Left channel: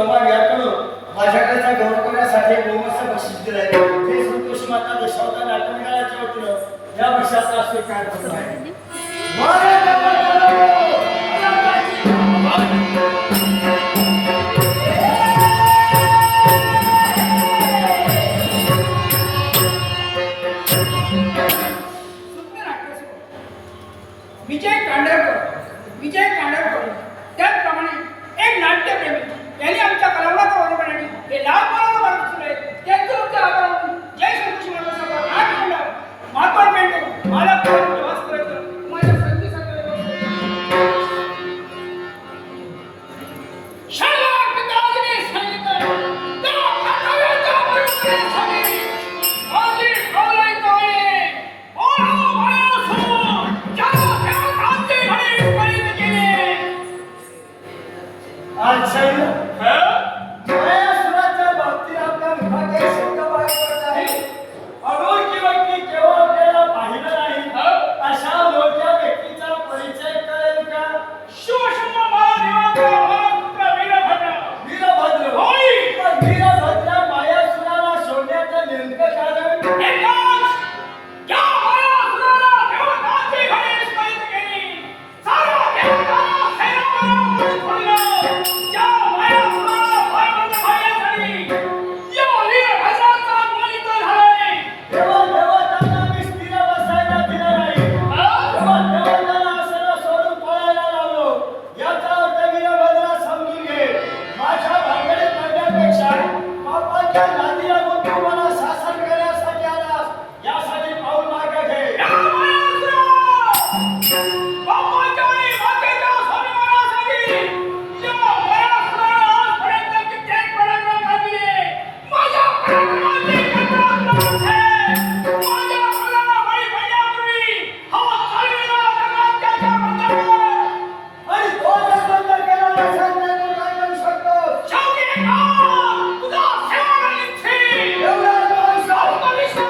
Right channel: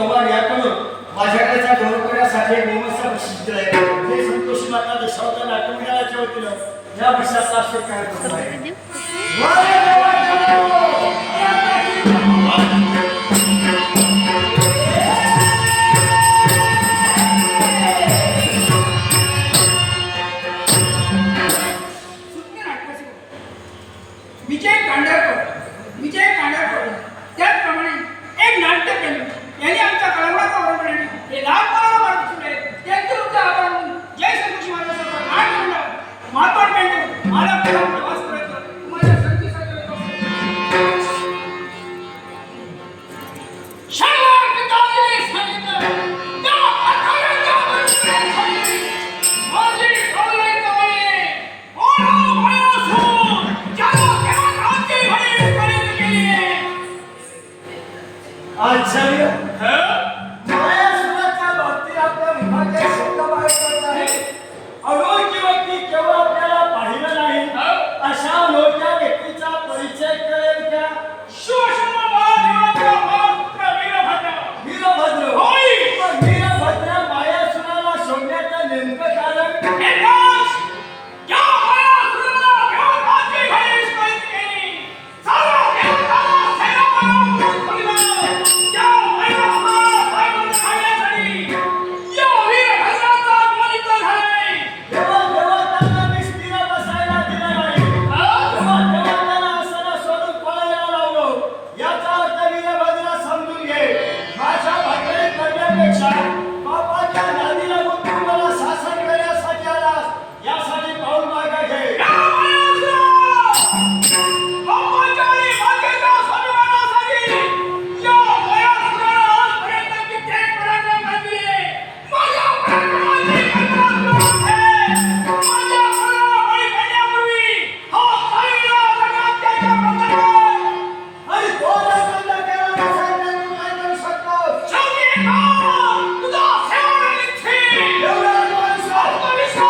कमाल याकडून माझ्याकडेचा गौरव करण्यासाठी गोमस्त बक्षीस दिलंय. हे संतोषी माता दशावतार नाट्यमंडळाच्या वतीनं या बक्षिसाचा स्वीकार करतो आहे. विजय कांडरकर त्याचप्रमाणे एक नाट्यप्रेमी यांनी आमच्या कलावंताचा बरोबर हे लहानपणाला मार्गदर्शन आहे. त्यांचे तुमचे आभार मानून जय श्रीकृष्ण माता नाट्यमंडळ महात्मा पेंडू मला प्रवास करत तुम्हाला संधीसाठी शनिवार पिताजीने सांगितलं त्या कर्तव्याच्या बरोबरीसाठी माझी डोलाई तोडली ओढा मायासून ज्याला त्या कांती भरी करीत केली. आश्चर्य मायासुराच्या बाबतीत आपल्या मुखात एक शब्द बाहेर पडत आहे. अनोळखी व्यक्ती केव्हा आपल्याला पाहिलं नाही अशा अनोळख्या व्यक्तीचा परिचय करेल का? शिवशंभो महादेवाचा पुत्र वीरभद्र. वीरभद्र होय. पण वीरभद्र मायासुराला सोडण्याचं नेमकं कारण? एकाच ज्या मायासुराला देवताची भरीस करीत केली सारा देवताला सेनापती बनवलं. त्या मायासुराला पराभूत करण्यासाठी या वीरभद्राचा द्वैत झालाय. तेव्हा देवतांना मी स्थिर बसायला दिलं नाही. तेव्हा देवतांना असं सोडून पळायला लावलो. याचा अर्थ वीरभद्र समजून घे. माझ्या भाकरीत पडण्यापेक्षा बापाच्या नादीला गुंतून मला शासन करण्यासाठी आलास. यासाठी पाऊल मागे घे. या मायासुरा बापाच्या आणि मातेच्या स्वाभिमानासाठी या मायासुराला आजपर्यंत कित्येक पराक्रम घातले. माझ्या पराक्रमाची कल्पना आहे. माझ्या पराला बळी पडण्यापूर्वी हा चाललेला जगात त्याच्या बंधनात. आणि तो जर बंद केला नसेल तर तू काय करू शकतोस? शेवटी का तुझा सेवानिधी एवढा अनुभव आत्मविश्वास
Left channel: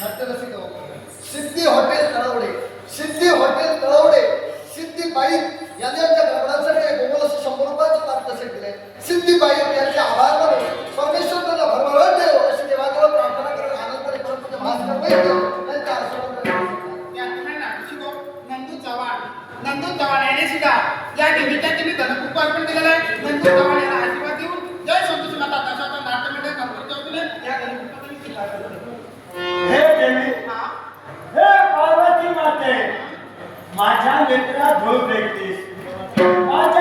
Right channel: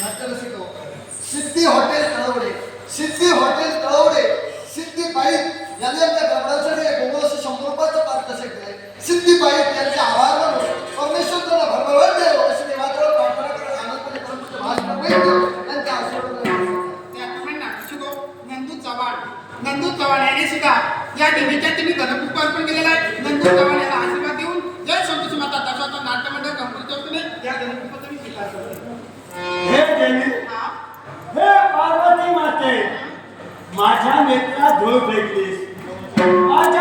नाट्यरसिको, सिद्धी हॉटेल तळवडे, सिद्धी हॉटेल तळवडे, सिद्धी बाईक यांनी आमच्या गडबडासाठी गोगोल असं 100 रुपयाचं पारितोषिक दिले. सिद्धी बाईक यांचे आभार मानून परमेश्वर त्यांना भरभराट द्यावं अशी देवाजवळ प्रार्थना करत आनंदपणे परंतु महाराष्ट्र वैद्य यांच्या आशीर्वाद त्या तुम्ही नाटशिको नंदू चव्हाण याने सुद्धा या देवीच्या तुम्ही धनकुप अर्पण केलेला आहे. नंदू चव्हाण यांना आशीर्वाद देऊन जय संतोषी माता दशावतार नाट्यमंडळ कंपनीच्या वतीने या धनकुपाचा मी स्वीकार करतो. हे देवी, हा हे पार्वती माते, माझ्या नेत्रात धूळ फेकलीस. आज